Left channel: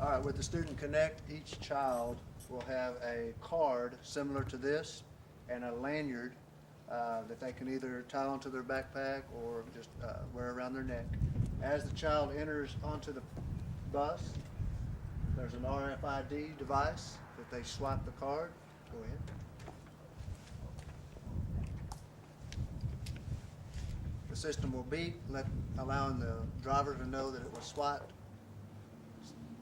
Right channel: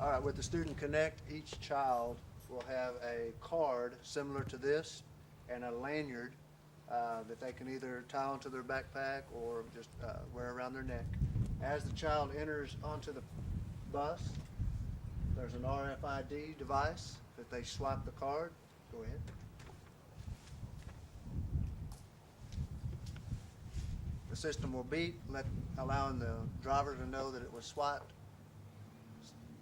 All right, with the Student Connect, each child will have a card similar to this and a lanyard that they can either tie onto their backpack or just wear around their neck. As the child enters onto the bus, there's an RFID device that they swipe the card. Go ahead. The system will beep, allowing the driver to know that it was swiped.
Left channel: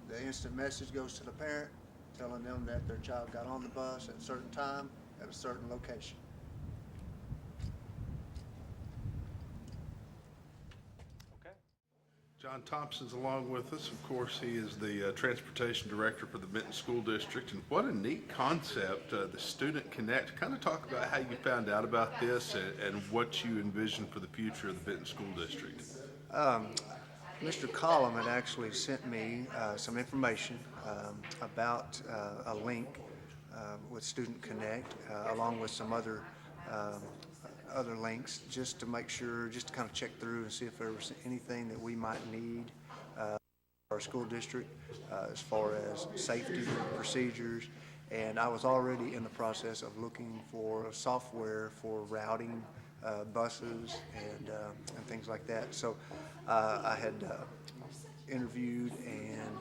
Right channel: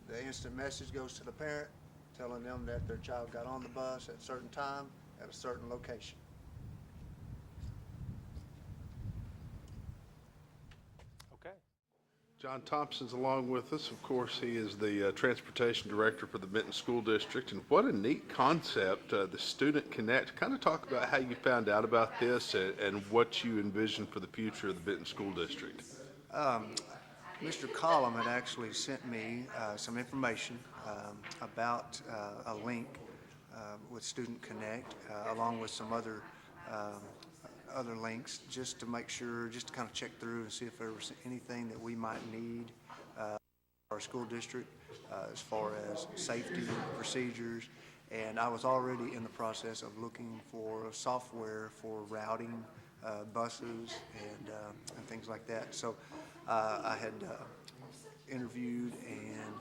The instant message goes to the parent, telling them that their child got on the bus at a certain time at a certain location. John Thompson's along with us. Of course, he is the transportation director for the Benton School District. And what a neat concept, the Student Connect. Kind of talk about how you found out about this and what you envision for the future of the Benton School District. Mr. Collum had actually sent me some information about a link with Student Connect, along with some other links, just to make sure, just to kind of check through and see if there was anything that we might need our school district as far as safety procedures. And I was already in the process of looking for software for routing buses and things like that. So I had interviewed and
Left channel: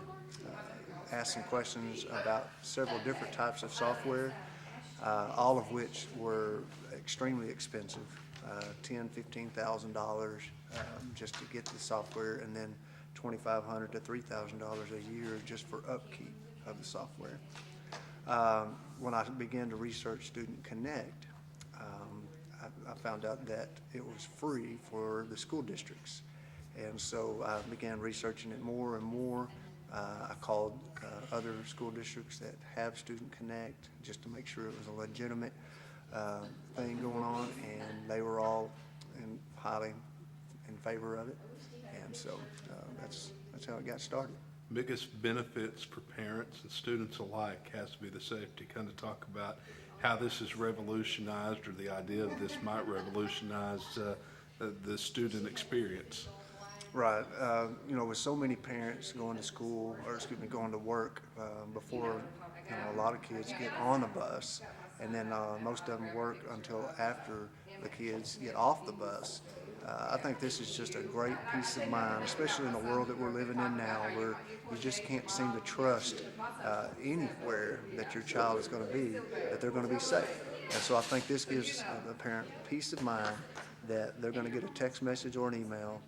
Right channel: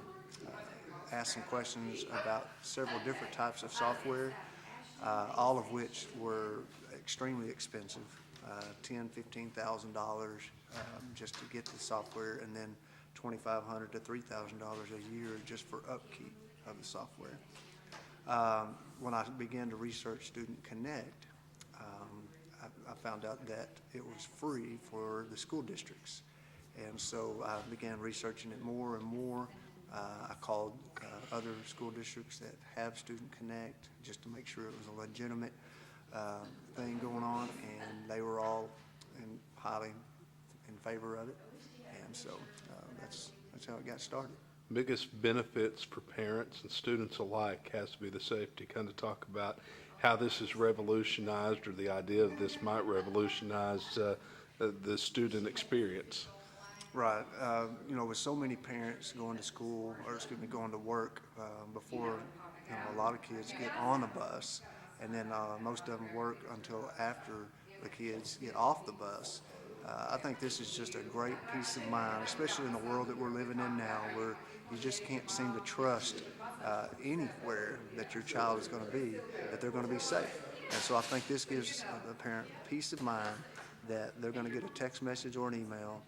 asked some questions about several different types of software, all of which were extremely expensive, $10,000–$15,000 just to get the software, and then $2,500 to $3,000 a year just for upkeep of the software. When I began to research Student Connect, I found out that it was free for the school districts. And so I began researching it more and more. I called other school districts that have Student Connect just to make sure it was a legitimate thing going on, and they were all highly in favor of it. And so that's how it got started. Biggest benefits for parents and students alike has to be the safety. Kind of talk about how this is revolutionized, or the idea of this might revolutionize the student experience. Right. With so many parents going to school, going to work before, a lot of kids get on the bus, and then most of them work until after the kids get off the bus. I think this is just a great peace of mind, especially in the world that we're living in now, where you just can't seem to trust anywhere that your child is going to be, that they're going to be safe. And so I think this gives the parent peace of mind that they're going to get a text message or an email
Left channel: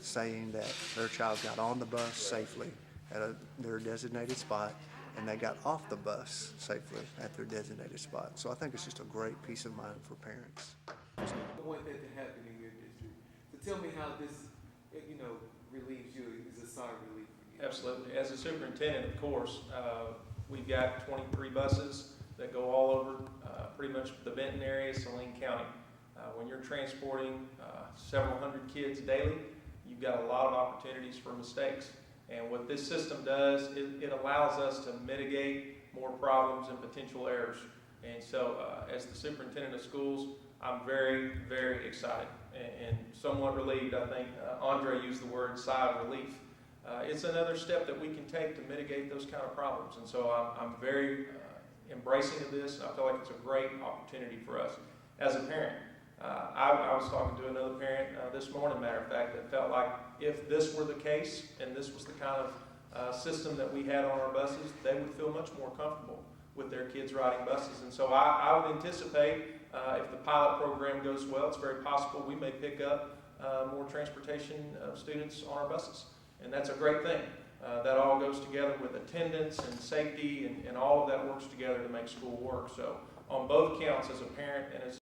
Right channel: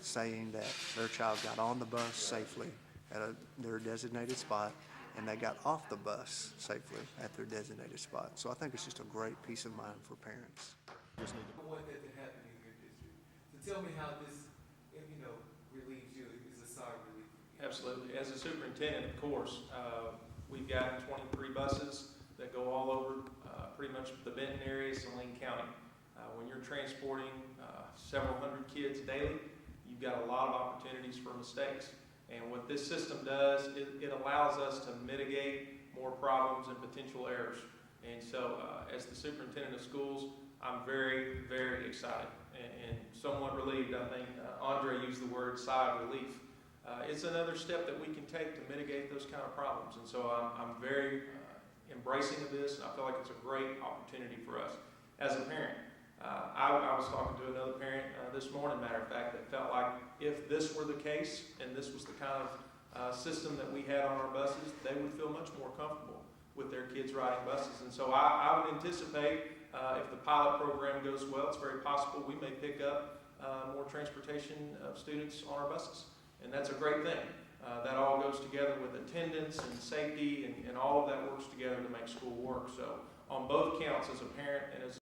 saying that their child got on the bus safely at their designated spot, and they got off the bus safely at their designated spot. So I think it's just a great peace of mind for parents. I want that to happen in your district. So tell me how this, relieves you, is a sigh of relief for you. Absolutely. As a superintendent, of course, we've got 23 buses that go all over pretty much the Benton area, Saline County. When you're transporting several hundred kids daily, you've got a lot of opportunities for mistakes. And what this system does, it allows us to mitigate more problems and potential errors. And so as the superintendent of schools, I'm very, very excited and somewhat relieved. I think Andre used the word sigh of relief. It's another step that we can take to mitigate those kind of problems. And so I'm very embracing of this, and I feel like it's a great opportunity for us. As a parent, I was talking to another parent this morning, matter of fact, that felt like if this were the case and this was the kind of system that we had on our buses, they would feel much more comfortable with their kids riding buses. And so I would anticipate if the pilot program goes well, it's very possible we may pick up more transportation of students on our buses. And that's a great thing. That all goes together with attendance and safety, and all of that works together to make school work. So on both counts, as a parent and as